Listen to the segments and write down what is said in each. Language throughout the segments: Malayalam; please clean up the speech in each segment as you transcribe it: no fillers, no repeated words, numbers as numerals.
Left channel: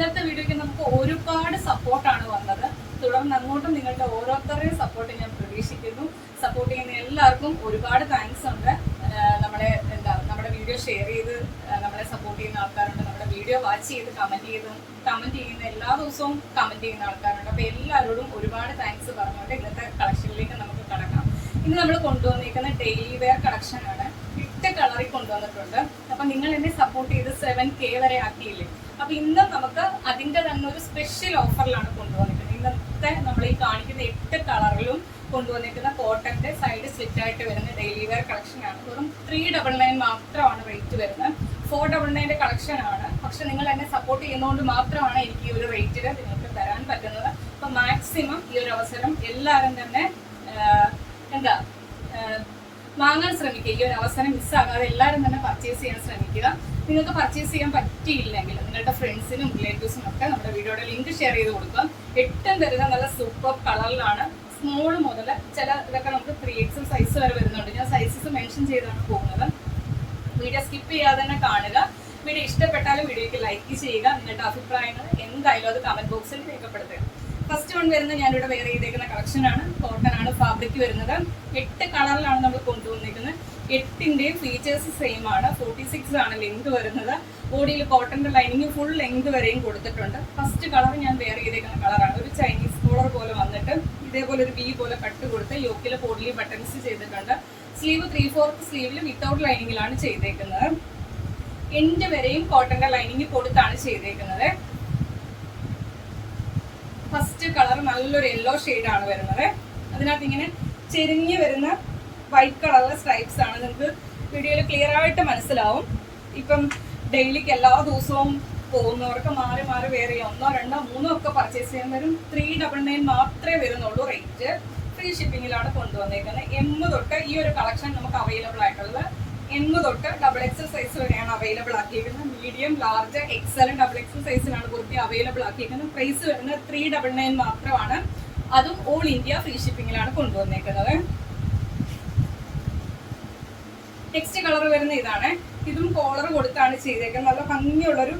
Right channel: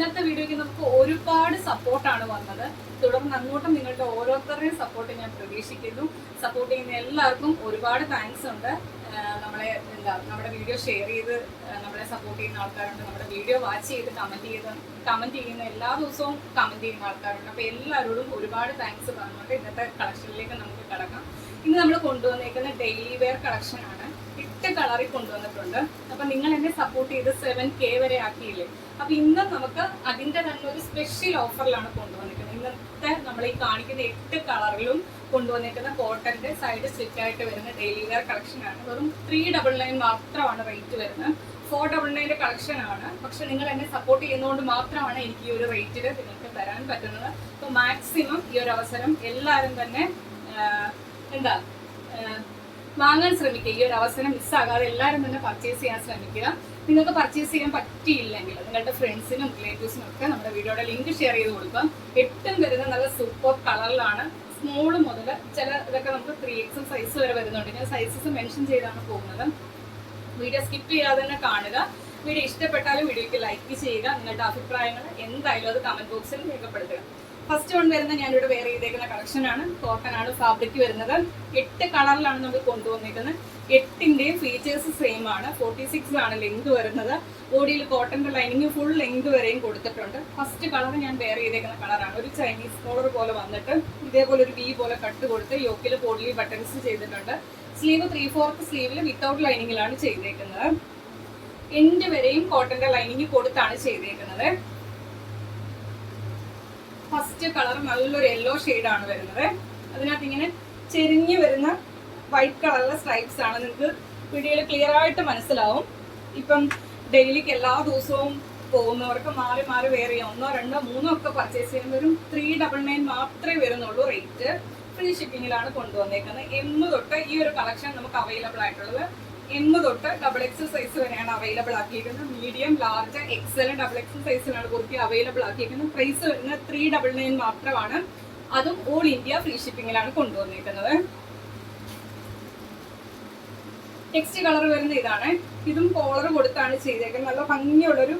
ഇന്നത്തെ വീഡിയോയ്ക്ക് നമുക്ക് ഒരുപാട് സപ്പോർട്ടാണ് വന്നത്. തുടർന്ന് അങ്ങോട്ടും നിങ്ങളുടെ ഓരോരുത്തരുടെയും സപ്പോർട്ട് ഞാൻ പ്രതീക്ഷിക്കുന്നു. സപ്പോർട്ട് ചെയ്യുന്ന എല്ലാവർക്കും ഒരുപാട് താങ്ക്സ് ഉണ്ട്. നമ്മുടെ വീഡിയോ ഷെയർ ചെയ്ത് നമ്മളെ സപ്പോർട്ട് ചെയ്യുന്ന ആൾക്കാരുണ്ട്. നമ്മുടെ വീഡിയോ വാച്ച് ചെയ്ത് കമന്റ് ചെയ്യുന്ന എല്ലാ ദിവസവും കമന്റ് ചെയ്യുന്ന ആൾക്കാരുണ്ട്. അപ്പൊ എല്ലാവരോടും ഒരുപാട് താങ്ക്സ് പറഞ്ഞുകൊണ്ട് ഇന്നത്തെ കളക്ഷനിലേക്ക് നമുക്ക് കടക്കാം. ഇന്ന് നമ്മൾ കൊണ്ടുവന്നിരിക്കുന്ന ഡെയിലി വെയർ കളക്ഷൻ ആണ്. 8 കളറിൽ കൊണ്ടുവന്നിട്ടുണ്ട്. അപ്പൊ നിങ്ങൾ എന്നെ സപ്പോർട്ട് ചെയ്ത് 7K വരെ ആക്കിയില്ലേ. അപ്പൊ ഇന്നും നമുക്ക് അതിന്റെ തന്നെ ഒരു സ്പെഷ്യൽ ഓഫറിലാണ് കൊണ്ടുവന്നിരിക്കുന്നത്. ഇന്നത്തെ നമ്മൾ ഈ കാണിക്കുന്ന 8 കളറിലും കൊണ്ടുവന്നിരിക്കുന്ന കോട്ടന്റെ സൈഡ് സ്ലിറ്റ് ആയിട്ട് വരുന്ന ഡെയിലി വെയർ കളക്ഷൻ ആണ്. വെറും 399 മാത്രമാണ് റേറ്റ് വരുന്നത്. 499 കളക്ഷൻ ആണ്. പക്ഷെ നിങ്ങൾ എന്നെ സപ്പോർട്ട് ചെയ്യുന്നതുകൊണ്ട് മാത്രമാണ് എനിക്ക് ഈ ഒരു റേറ്റിൽ നിങ്ങൾക്ക് തരാൻ പറ്റുന്നത്. അപ്പൊ മാക്സിമം ഈ ഒരു അവസരം എല്ലാവരും തന്നെ വാങ്ങാൻ ശ്രമിക്കുക. ഈ ഒരു അവസരം മിസ്സാകാതെ എല്ലാവരും തന്നെ പർച്ചേസ് ചെയ്യാൻ ശ്രമിക്കുക. നിങ്ങൾക്ക് പർച്ചേസ് ചെയ്യാൻ പറ്റിയില്ലെങ്കിൽ നിങ്ങളുടെ ഫ്രണ്ട്സിനും റിലേറ്റീവ്സിനും ഒക്കെ നമ്മുടെ വീഡിയോയുടെ ലിങ്ക് ഷെയർ ചെയ്ത് കൊടുക്കുക. 8 തരുന്ന നല്ല സൂപ്പർ കളറിലാണ്. സ്മോൾ മുതൽ ഇതൊക്കെ നമുക്ക് 3XL സൈസ് വരെ വരുന്നുണ്ട്. ഞാൻ സൈസസ് മെൻഷൻ ചെയ്താണ് പോകുന്നത്. വീഡിയോ സ്കിപ്പ് ചെയ്യാതെ തന്നെ കാണുക. വീഡിയോ ഇഷ്ടപ്പെട്ടാലും വീഡിയോയ്ക്ക് ലൈക്ക് ചെയ്യുക. നിങ്ങളുടെ അഭിപ്രായങ്ങൾ എന്തായാലും അത് കമന്റ് ബോക്സിൽ രേഖപ്പെടുത്തുക. ഫസ്റ്റ് വൺ വരുന്നത് ഞാനിവിടെ വെയർ ചെയ്തേക്കുന്ന കളക്ഷൻ ആണ്. കോട്ടൺ ആണ് ഫാബ്രിക് വരുന്നത്. 8 കളറിലാണ് നമ്മൾ കൊണ്ടുവന്നിരിക്കുന്നത്. 8ന്റെയും ഫീച്ചേഴ്സ് സെയിം ആണ്. 46 ആണ് ലെങ്ത് വരുന്നത്. ബോഡിയിൽ കോട്ടന്റെ ലൈനിങ് ഫുൾ ലെങ്ത് വരെയും കൊടുത്തിട്ടുണ്ട്. ഫസ്റ്റ് കളർ ഞാൻ വെയർ ചെയ്തേക്കുന്ന കളറാണ്. ഒരു ചൈനീസ് കോളർ പോലെ വന്നിട്ട് ഇതേപോലെ ഒരു വി പോലെ കട്ട് കൊടുത്ത് യോക്കിൽ പോഡ്ലി ബട്ടൺസ് ചെയ്തിട്ടുണ്ട്. സ്ലീവ് 3/4 സ്ലീവിൽ വിത്തൗട്ട് ലൈനിങ്ങിലാണ് ചെയ്തേക്കുന്നത്. എൻഡ് വരെയും കോട്ടന്റെ ലൈനിങ് കൊടുത്താണ് ചെയ്തേക്കുന്നത്. ഫസ്റ്റ് കളർ നല്ലൊരു യെല്ലോ ആണ് വരുന്നത്. അതിനകത്ത് ഇങ്ങനെ ചെരിഞ്ഞു വരുന്ന വൈറ്റ് കളറിലെ സ്ട്രൈപ്സ് ആണ്. നിങ്ങൾക്ക് വീഡിയോയിൽ ക്ലിയർ ആയിട്ട് മനസ്സിലാവും. ഇപ്പം ഡെയിലിക്ക് എല്ലാ ദിവസവും പോകുന്നവർക്ക് മാറി മാറി വേറെ 1, 2, 3 ഒക്കെ പർച്ചേസ് ചെയ്യാൻ വരും. 399 മാത്രമേ വരുന്നുള്ളൂ റേറ്റ്. ഫ്രീ ഷിപ്പിങ്ങിലാണ് കൊണ്ടുവന്നേക്കുന്നത്. M തൊട്ട് ഈ ഒരു കളക്ഷൻ നമുക്ക് അവൈലബിൾ ആയിട്ടുള്ളത് M തൊട്ട് XXL സൈസ് വരെയാണ് അവൈലബിൾ ആക്കിയിരിക്കുന്നത്. മീഡിയം, ലാർജ്, XL, XXL സൈസിലാണ് കുർത്തി അവൈലബിൾ ആക്കിയിരിക്കുന്നത്. പ്രൈസ് വരുന്നത് 399 മാത്രമാണ്. അതും ഓൾ ഇന്ത്യ ഫ്രീ ഷിപ്പിങ്ങിലാണ് കൊണ്ടുവന്നേക്കുന്നത്. നെക്സ്റ്റ് കളർ വരുന്ന ഇതാണ്. ഇതും കോളർ കൊടുത്താണ് ചെയ്തേക്കുന്നത്. നല്ല ഭംഗിയുള്ളൊരു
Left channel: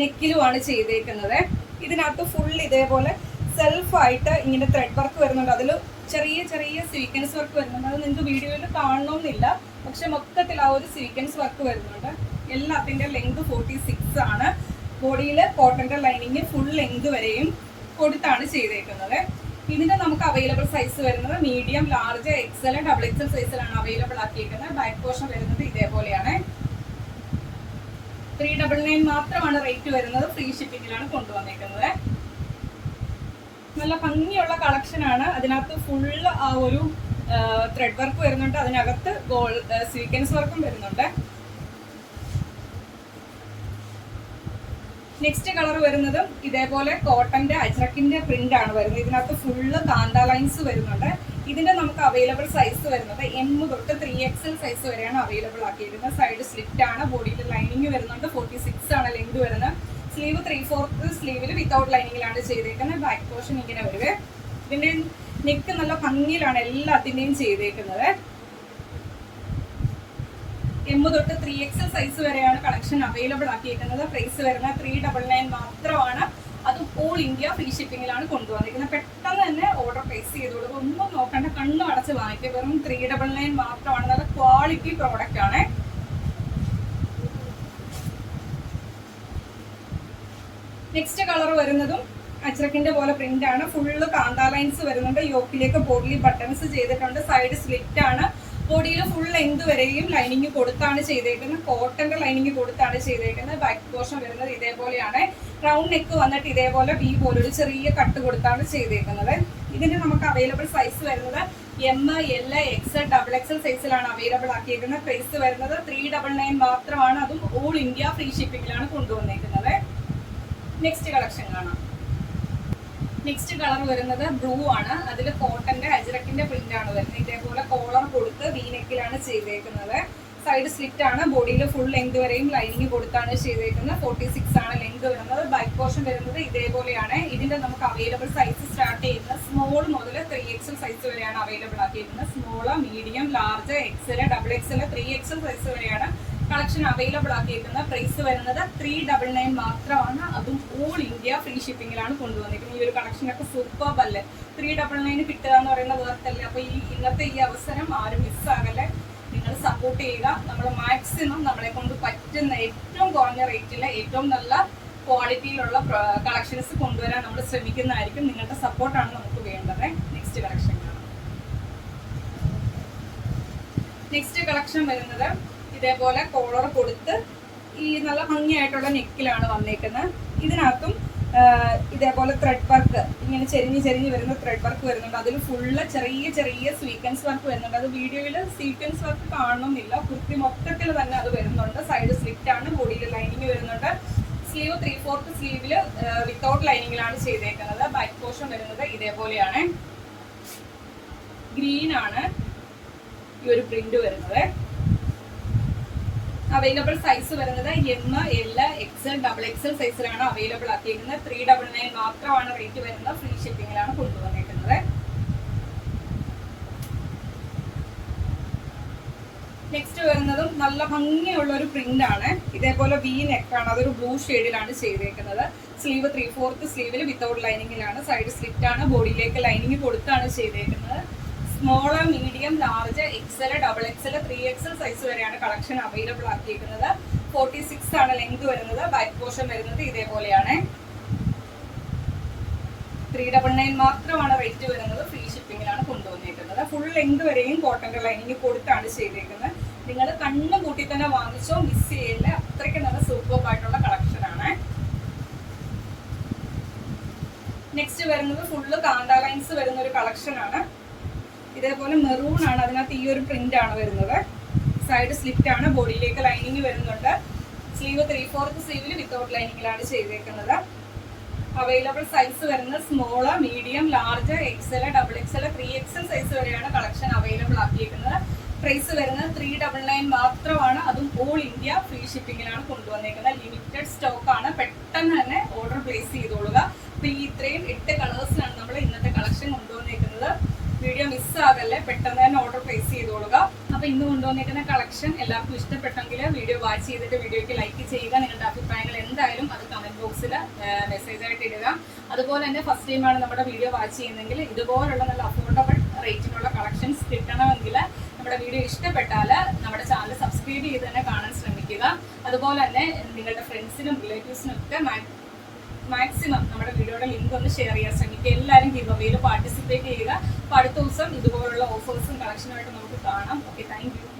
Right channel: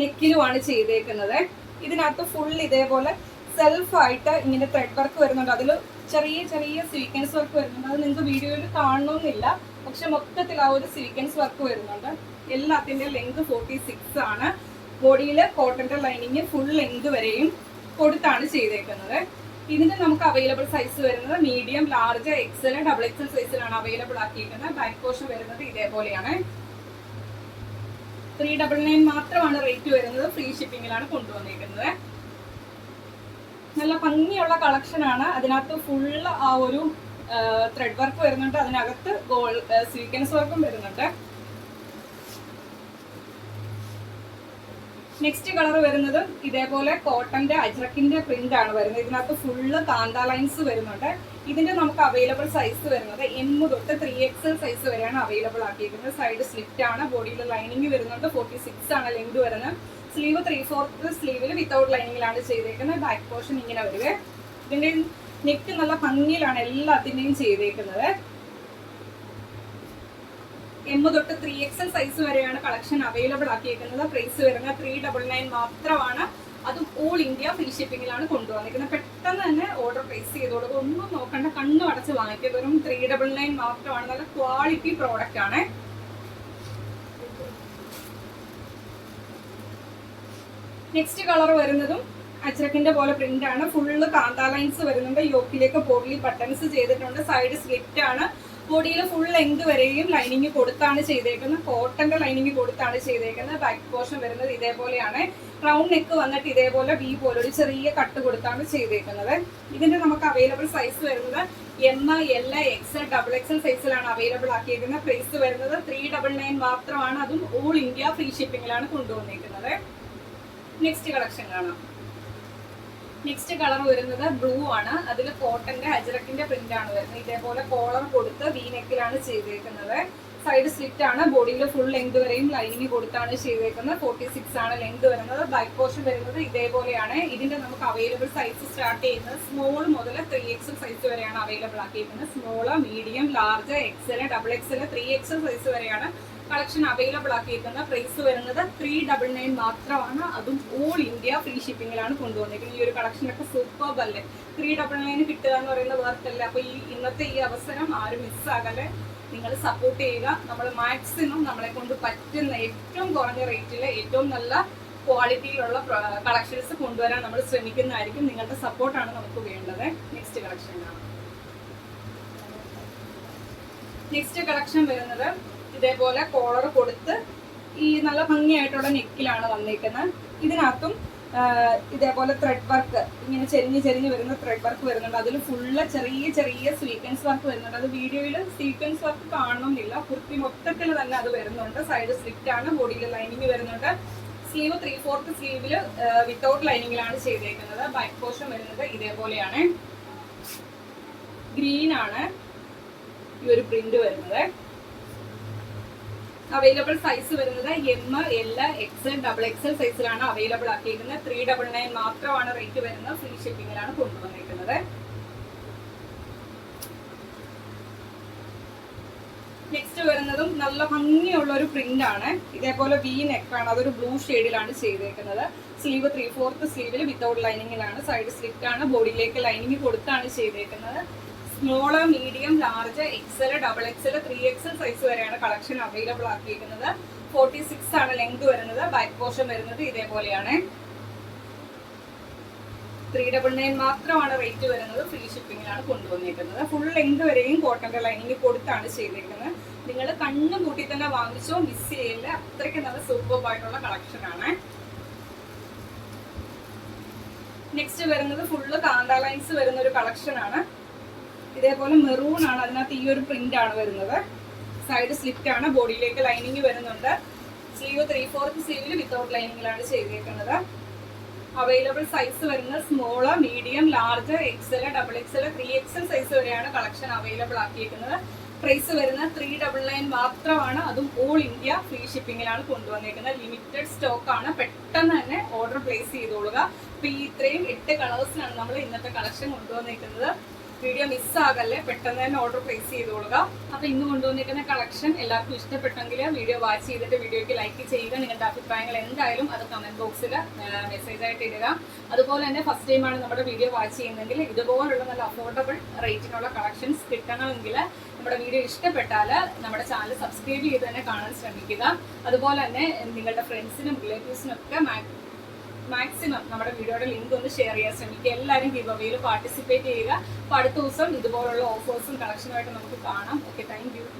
നെക്കിലുമാണ് ചെയ്തേക്കുന്നത്. ഇതിനകത്ത് ഫുൾ ഇതേപോലെ സെൽഫായിട്ട് ഇങ്ങനെ ത്രെഡ് വർക്ക് വരുന്നുണ്ട്. അതിൽ ചെറിയ ചെറിയ സ്വീക്വൻസ് വർക്ക് വരുന്നുണ്ട്. അത് നിങ്ങൾക്ക് വീഡിയോയിൽ കാണണമെന്നില്ല. പക്ഷെ മൊത്തത്തിൽ ആ ഒരു സ്വീക്വൻസ് വർക്ക് വരുന്നുണ്ട്. എല്ലാത്തിന്റെ ലെങ്ത് 46 ആണ്. ബോഡിയിൽ കോട്ടന്റെ ലൈനിങ് ഫുൾ ലെങ്ത് വരെയും കൊടുത്താണ് ചെയ്തേക്കുന്നത്. ഇതിന്റെ നമുക്ക് അവൈലബിൾ സൈസ് വരുന്നത് മീഡിയം, ലാർജ്, XL, XXL സൈസിലാണ് അവൈലബിൾ ആക്കിയിരിക്കുന്നത്. ബാക്ക് പോർഷൻ വരുന്നത് ഇതേപോലെയാണ്. 399 മാത്രമാണ് റേറ്റ് വരുന്നത്. ഫ്രീ ഷിപ്പിങ്ങിലാണ് കൊണ്ടുവന്നിരിക്കുന്നത്. നല്ല ഭംഗിയുള്ള കളക്ഷൻ ആണ്. അതിനകത്ത് ഫുള്ള് ആ ഒരു ത്രെഡ് വർക്ക് വരുന്നുണ്ട്. അതിനകത്ത് സ്വീക്വൻസ് വർക്കും വരുന്നുണ്ട്. നെക്സ്റ്റ് കളർ വരുന്നത് ഇതേപോലെ കോട്ടന്റെ അജ്രക്കിന്റെ പ്രിന്റ് ആണ് വരുന്നത്. ഇതിനകത്ത് ഫുള്ള് കാന്ത ലൈൻസ് വരുന്നുണ്ട്. ഇതിന്റെ നമുക്ക് അവൈലബിൾ സൈസ് വരുന്നത് M തൊട്ട് 3XL സൈസ് വരെയാണ് അവൈലബിൾ ആക്കിയിരിക്കുന്നത്. സൈഡ് സ്ലിറ്റ് ആണ്. ബോഡിയിൽ ലൈനിങ് വരുന്നുണ്ട്. 46 ആണ് ലെങ്ത് വരുന്നത്. സ്ലീവ് 3/4 സ്ലീവിൽ വിത്തൗട്ട് ലൈനിങ്ങിലാണ് ചെയ്തേക്കുന്നത്. ബാക്ക് പോർഷൻ ഇങ്ങനെ വരുവേ. ഇതിന്റെ നെക്ക് നല്ല ഭംഗിയിലാണ് എല്ലാത്തിന്റെയും ചെയ്തേക്കുന്നത്. M തൊട്ട് 3XL സൈസ് വരെയാണ് കളക്ഷൻ അവൈലബിൾ ആക്കിയിരിക്കുന്നത്. പ്രൈസ് വരുന്നത് 399 മാത്രമാണ്. അതും ഓൾ ഇന്ത്യ ഫ്രീ ഷിപ്പിങ്ങിലാണ് കൊണ്ടുവന്നിരിക്കുന്നത്. പെട്ടെന്ന് തന്നെ ഓർഡർ പ്ലേസ് ചെയ്തോളൂ. ഒന്നും നോക്കണ്ട, കണ്ണും അടച്ച് വാങ്ങിക്കുക. വെറും 399 മാത്രമാണ്. നല്ല ക്വാളിറ്റി പ്രോഡക്റ്റ് ആണ്. നെക്സ്റ്റ് കളർ വരുന്നതും അജ്രക്കിന്റെ പോലെ പ്രിന്റ് ആണ്. ഫുള്ള് കാന്ത ലൈൻസ് വരുന്നുണ്ട്. യോക്കിലേക്ക് പോഡ്ലി ബട്ടൺസ് ചെയ്തിട്ടുണ്ട്. സൈഡ് സ്ലിറ്റ് ആണ്. ബോഡിയിൽ ഫുൾ ലെങ്ത് വരെയും ലൈനിങ് കൊടുത്താണ് ചെയ്തേക്കുന്നത്. കോട്ടന്റെ ലൈനിങ് കൊടുത്താണ് ചെയ്തേക്കുന്നത്. ബാക്ക് പോർഷൻ വരുന്നത് ഇതേപോലെയാണ്. റൗണ്ട് നെക്ക് വന്നിട്ട് ഇതേപോലെ V പോലെ ഒരു ചെറിയ കട്ട് കൊടുത്താണ് ചെയ്തേക്കുന്നത്. ഇതിന്റെ നമുക്ക് അവൈലബിൾ സൈസ് വരുന്നത് M, L, XL, XXL സൈസിലാണ് അവൈലബിൾ ആക്കിയിരിക്കുന്നത്. പ്രൈസ് വരുന്നത് 399 മാത്രമാണ്. അതും ഓൾ ഇന്ത്യ ഫ്രീ ഷിപ്പിങ്ങിലാണ് കൊണ്ടുവന്നേക്കുന്നത്. നെക്സ്റ്റ് കളക്ഷൻ കാണാം. നെക്സ്റ്റ് കളർ വരുന്നത് ബ്ലൂ ആണ്. അതിൽ കോട്ടന്റെ അജ്രക്കിന്റെ പ്രിന്റ് ആണ് വരുന്നത്. ഇതേപോലെ കോളർ കൊടുത്ത് V നെക്കിലാണ് ചെയ്തേക്കുന്നത്. സൈഡ് സ്ലിറ്റ് ആണ്. ബോഡിയിൽ ഫുൾ ലെങ്ത് വരെയും ലൈനിങ് കൊടുത്താണ് ചെയ്തേക്കുന്നത്. 46 ആണ് ലെങ്ത് വരുന്നത്. ബാക്ക് പോർഷൻ വരുന്നത് ഇതേപോലെയാണ്. ഇതിന്റെ നമുക്ക് അവൈലബിൾ സൈസ് സ്റ്റാർട്ട് ചെയ്യുന്നത് സ്മോൾ മുതൽ 3XL സൈസ് വരെയാണ് അവൈലബിൾ ആക്കിയിരിക്കുന്നത്. Small, medium, large, XL, XXL, 3XL സൈസ് വരെയാണ് കളക്ഷൻ അവൈലബിൾ ആക്കിയിരിക്കുന്ന പ്രൈസ് വരുന്നത് 399 മാത്രമാണ്. അതും ഓൾ ഇന്ത്യ ഫ്രീ ഷിപ്പിംഗിലാണ് കൊണ്ടുവന്നിരിക്കുന്നത്. ഈ ഒരു കളക്ഷനൊക്കെ സൂപ്പർബ് അല്ലേ? 399 കിട്ടുക എന്ന് പറയുന്ന വേർത്തല്ലേ? അപ്പൊ ഇന്നത്തെ ഈ അവസരം ആരും മിസ്സാകല്ലേ. നിങ്ങൾ സപ്പോർട്ട് ചെയ്യുക. നമ്മൾ മാക്സിമം നമ്മളെ കൊണ്ട് പറ്റുന്ന ഏറ്റവും കുറഞ്ഞ റേറ്റിലെ ഏറ്റവും നല്ല ക്വാളിറ്റിയിലുള്ള കളക്ഷൻസ് കൊണ്ടുവരാൻ നമ്മൾ ശ്രമിക്കുന്നതായിരിക്കും. നിങ്ങളുടെ സപ്പോർട്ടാണ് നമുക്ക് വേണ്ടത്. നെക്സ്റ്റ് കളക്ഷൻ കാണാം. നെക്സ്റ്റ് കളക്ഷൻ വരുന്നത് ഇതേപോലെ കോളർ കൊടുത്ത് ഈ നല്ല ഭംഗിയായിട്ടുള്ള നെക്കിലാണ് വന്നേക്കുന്നത്. ഇതിനകത്തും ഇതേപോലെ ത്രെഡ് വർക്ക് ഇങ്ങനെ ചെരിഞ്ഞ് വരുന്ന ത്രെഡ് വർക്ക് വരുന്നുണ്ട്. അതിൽ ഫുള്ള് ചെറിയ സ്വീക്വൻസ് വർക്ക് വരുന്നുണ്ട്. അത് വീഡിയോയിൽ സ്വീക്വൻസ് വർക്ക് കാണണമെന്നില്ല. കുർത്തി മൊത്തത്തിൽ തന്നെ അത് വരുന്നുണ്ട്. സൈഡ് സ്ലിറ്റ് ആണ്, ബോഡിയിൽ ലൈനിങ് വരുന്നുണ്ട്. സ്ലീവ് 3/4 സ്ലീവില് വിത്തൗട്ട് ലൈനിങ്ങിലാണ് ചെയ്തേക്കുന്നത്. ബാക്ക് പോർഷൻ വരുന്നത് ഇതേപോലെയാണ്. ഗ്രീൻ ആണ് ഈ ഒരു പ്രിന്റ് വരുന്നത്. അവൈലബിൾ സൈസ് വരുന്നത് M, L, XL, XXL സൈസിലാണ് അവൈലബിൾ ആക്കിയിരിക്കുന്നത്. 399 മാത്രമാണ് റേറ്റ് വരുന്നത്. ഫ്രീ ഷിപ്പിംഗിലാണ് കൊണ്ടുവന്നിരിക്കുന്നത്. നെക്സ്റ്റ് വരുന്നതും നല്ല ഭംഗിയുള്ള ഒരു പ്രിന്റ് ആണ്. ഇതേപോലെ V നെക്കാണ്. അതൊരു ബ്ലൂ ഷെയ്ഡിലാണ് ചെയ്തേക്കുന്നത്. സ്ലീവ് 3/4 സ്ലീവിൽ വിത്തൗട്ട് ലൈനിങ്ങിലാണ്. സൈഡ് സ്ലിറ്റ് ആണ്, ബോഡിയിലേക്ക് ലൈനിങ് കൊടുത്താണ് ചെയ്തേക്കുന്നത്. Small, medium, large, XL, XXL, 3XL സൈസ് വരെയാണ് കളക്ഷൻ അവൈലബിൾ ആക്കിയിരിക്കുന്നത്. 46 ആണ് ലെങ്ത് വരുന്നത്. ബാക്ക് പോർഷൻ വരുന്നത് ഇതേപോലെയാണ്. 399 മാത്രമാണ് റേറ്റ് വരുന്നത്. ഫ്രീ ഷിപ്പിംഗിലാണ് കൊണ്ടുവന്നിരിക്കുന്നത്. ഫുൾ ലെങ്ത് വരെയും കോട്ടന്റെ ലൈനിങ് കൊടുത്താണ് ചെയ്തേക്കുന്നത്. നിങ്ങൾ കണ്ണു കൂട്ടി തന്നെ വാങ്ങിച്ചോ, മിസ് ചെയ്യില്ല. അത്രയ്ക്ക് നല്ല സൂപ്പർബ് ആയിട്ടുള്ള കളക്ഷൻ ആണ്. നെക്സ്റ്റ് വരുന്നത് ഫുള്ള് കാന്ത ലൈൻസ് വരുന്ന ഒരു കളക്ഷൻ ആണ്. ഇതേപോലെ മെറൂൺ ആണ്. അതിനകത്ത് ഈ ഒരു പ്രിന്റ് ആണ് വരുന്നത്. സൈഡ് സ്ലിറ്റ് ആണ്, ബോഡിയിലേക്ക് ലൈനിങ് വരുന്നുണ്ട്. സ്ലീവ് 3/4 സ്ലീവിൽ വിത്തൗട്ട് ലൈനിങ്ങിലാണ് ചെയ്തേക്കുന്നത്. അവൈലബിൾ സൈസ് വരുന്നത് small, medium, large, XL, XXL, 3XL സൈസ് വരെയാണ് കളക്ഷൻ അവൈലബിൾ ആക്കിയിരിക്കുന്നത്. പ്രൈസ് വരുന്നത് 399 മാത്രമാണ്. അതും ഓൾ ഇന്ത്യ ഫ്രീ ഷിപ്പിംഗിലാണ് കൊണ്ടുവന്നിരിക്കുന്നത്. ലിമിറ്റഡ് സ്റ്റോക്ക് ആണ്. പെട്ടെന്ന് തന്നെ ഓർഡർ പ്ലേസ് ചെയ്തോളുക. അപ്പൊ ഈ ഇത്രയും 8 കളേഴ്സിനാണ് നമ്മൾ ഇന്നത്തെ കളക്ഷൻ കൊണ്ടുവന്നിരിക്കുന്നത്. വീഡിയോ മിസ്സാകല്ലേ, പെട്ടെന്ന് തന്നെ ഓർഡർ പ്ലേസ് ചെയ്തോളുക. അപ്പൊ ഇന്ന് കൊണ്ടുവന്നിരിക്കുന്ന കളക്ഷൻ എല്ലാവർക്കും ഇഷ്ടപ്പെട്ടെങ്കിൽ വീഡിയോ വാച്ച് ചെയ്തിട്ട് വീഡിയോയ്ക്ക് ലൈക്ക് ചെയ്യുക. നിങ്ങളുടെ അഭിപ്രായങ്ങൾ എന്തായാലും അത് കമന്റ് ബോക്സിൽ മെസ്സേജ് ആയിട്ട് ഇടുക. അതുപോലെ തന്നെ ഫസ്റ്റ് ടൈമാണ് നമ്മുടെ വീഡിയോ വാച്ച് ചെയ്യുന്നതെങ്കിൽ ഇതുപോലുള്ള നല്ല അഫോർഡബിൾ റേറ്റിനുള്ള കളക്ഷൻസ് കിട്ടണമെങ്കിൽ നമ്മുടെ വീഡിയോ ഇഷ്ടപ്പെട്ടാൽ നമ്മുടെ ചാനൽ സബ്സ്ക്രൈബ് ചെയ്ത് തന്നെ കാണാൻ ശ്രമിക്കുക. അതുപോലെ തന്നെ നിങ്ങളുടെ ഫ്രണ്ട്സിനും റിലേറ്റീവ്സിനും ഒക്കെ മാക്സിമം നമ്മുടെ വീഡിയോയുടെ ലിങ്ക് ഒന്ന് ഷെയർ ചെയ്യാൻ ശ്രമിക്കുക. എല്ലാവരും ഗിവ് അവേയിൽ പാർട്ടിസിപ്പേറ്റ് ചെയ്യുക. അപ്പോൾ അടുത്ത ദിവസം ഇതുപോലുള്ള ഓഫേഴ്സും കളക്ഷനുമായിട്ട് നമുക്ക് കാണാം. Okay, thank you.